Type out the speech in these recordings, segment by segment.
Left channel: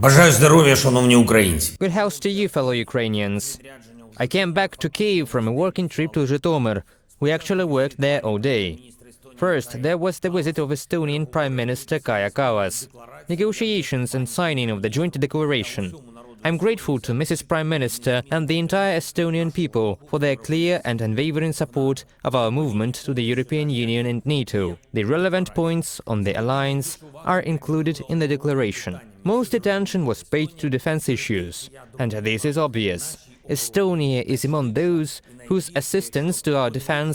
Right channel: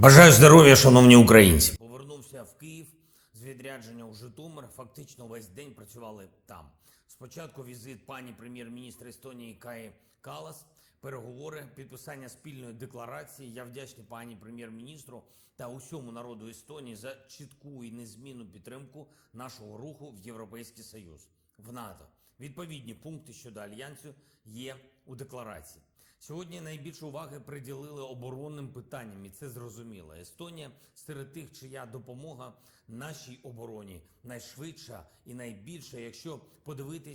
Бажаю здоров'я, шановні українці. Good health to you, fellow Ukrainians. I came back to Kyiv from a working trip to Zhytomyr. We actually worked there all day. First, there was the visit of Estonian Prime Minister Kaja Kallas, negotiations and signing of the joint declaration. I'm grateful to Mrs. Prime Minister and the entire Estonian people for their clear and unwavering support of our movement to the European Union and NATO. The relevant points on the alliance are included in the declaration. Most attention was paid to defense issues, and this is obvious. Estonia is among those whose assistance to our defense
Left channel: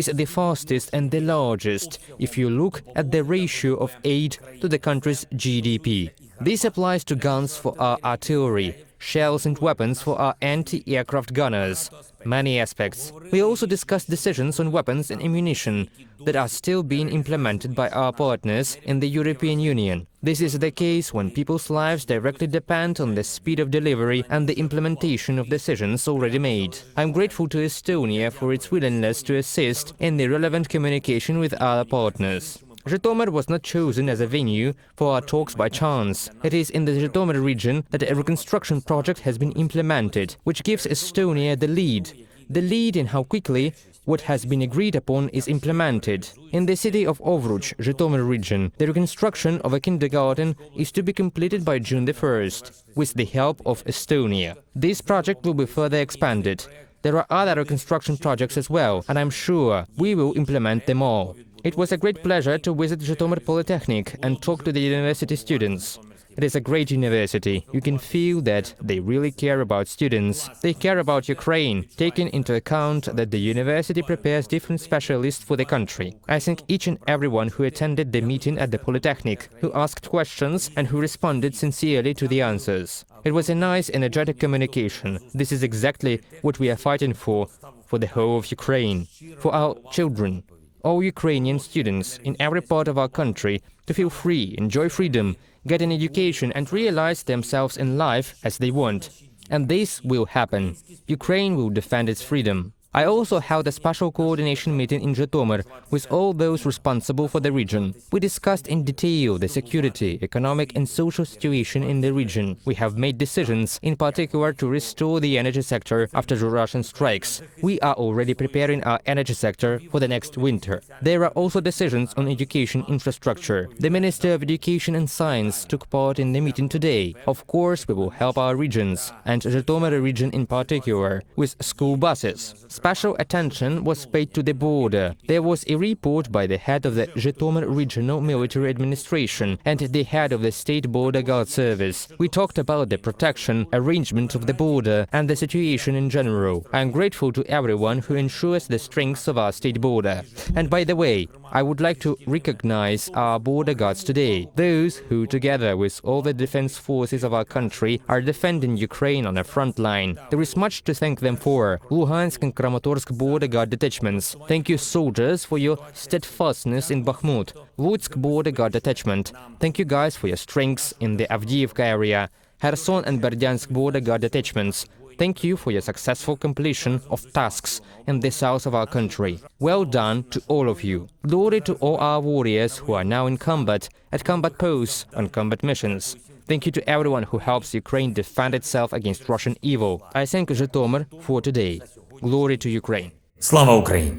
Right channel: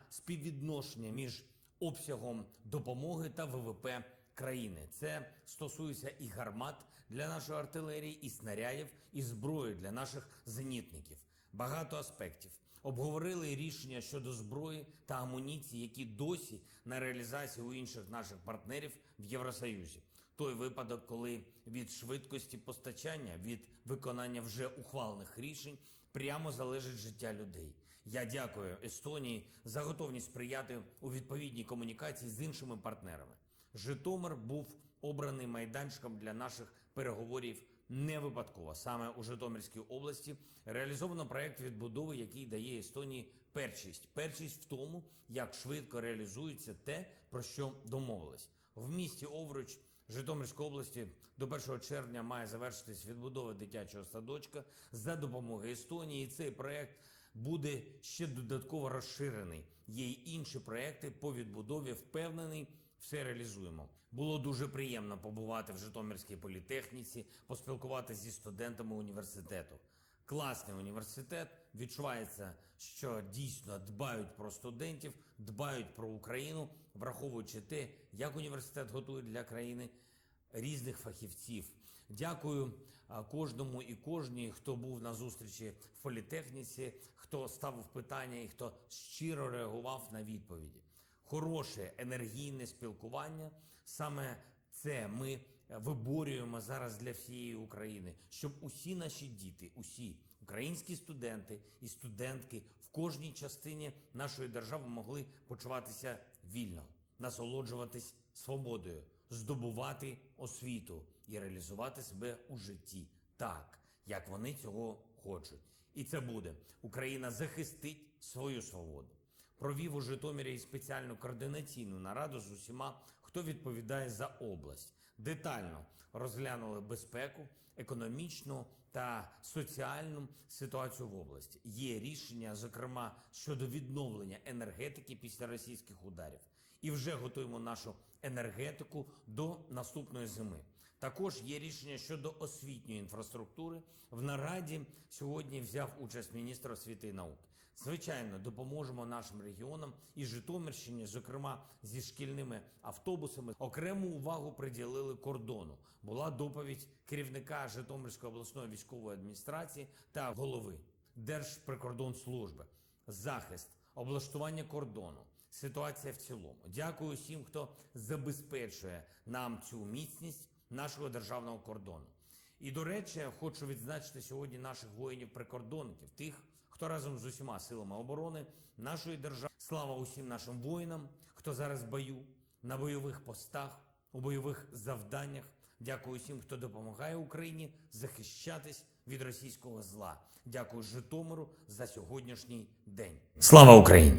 is the fastest and the largest if you look at the ratio of aid to the country's GDP. This applies to guns for our artillery, shells and weapons for our anti-aircraft gunners. Many aspects. We also discussed decisions on weapons and ammunition that are still being implemented by our partners in the European Union. This is the case when people's lives directly depend on the speed of delivery and the implementation of decisions already made. I'm grateful to Estonia for its willingness to assist in the relevant communication with our partners. Zhytomyr was not chosen as a venue for our talks by chance. It is in the Zhytomyr region that a reconstruction project has been implemented, which gives Estonia the lead. The lead in how quickly what has been agreed upon is implemented. In the city of Ovruch, Zhytomyr region, the reconstruction of a kindergarten is to be completed by June the 1st, with the help of Estonia. This project will be further expanded. There are other reconstruction projects as well, and I'm sure we will implement them all. It was a great pleasure to visit Zhytomyr Polytechnic and talk to the university students. It is a great university. You can feel that they really care about students. They care about Ukraine, taking into account that the university prepares different specialists for the country. I thank each and everyone who attended the meeting at the Polytechnic, who asked questions and who responded sincerely to the answers. It was a nice, energetic communication. This is exactly what we are fighting for the whole of Ukraine, for our children, all Ukrainian students in every part of our country to feel free, enjoy freedom, get an education and realize themselves in life as they want. And this will happen. Ukraine will defend its freedom. I also held a special coordination meeting in Zhytomyr with all those responsible for the region. We discussed in detail the security, economic and social situation in the region. We have made decisions, in particular to restore the energy sector after the Russian strikes. We are already preparing our energy sector for the next winter. There are also decisions on education infrastructure. The Minister of Education and Science took part in the meeting today. Of course, we will help our regions, and Zhytomyr region in particular, with school buses. Special attention was paid to the border. There was a report by the head of the Zhytomyr Regional Military Administration and the head of the State Border Guard Service. We talked about the protection, arrangement of the border and the situation in general. I am grateful to everyone who ensures the strength of our state border. And by the way, I would like to recognize our border guards today, those who, together with all the defense forces of our country, are defending Ukraine on a front line. There is much to thank them for. Luhansk and Kramatorsk border guard detachments. Thank you, soldiers, for your steadfastness in Bakhmut. Lutsk border guard detachment. Thank you guys for your strengths in the Avdiivka area. Kherson and Berdyansk border guard detachments. Thank you for your successful completion of tasks in the south of our country. Well done to all of you. Glory to all our warriors who are now in combat, at combat posts, on combat missions. Thank you to everyone who helps Ukraine defend itself against Russian evil. I thank Zhytomyr for today. Glory to Ukraine. Слава Україні!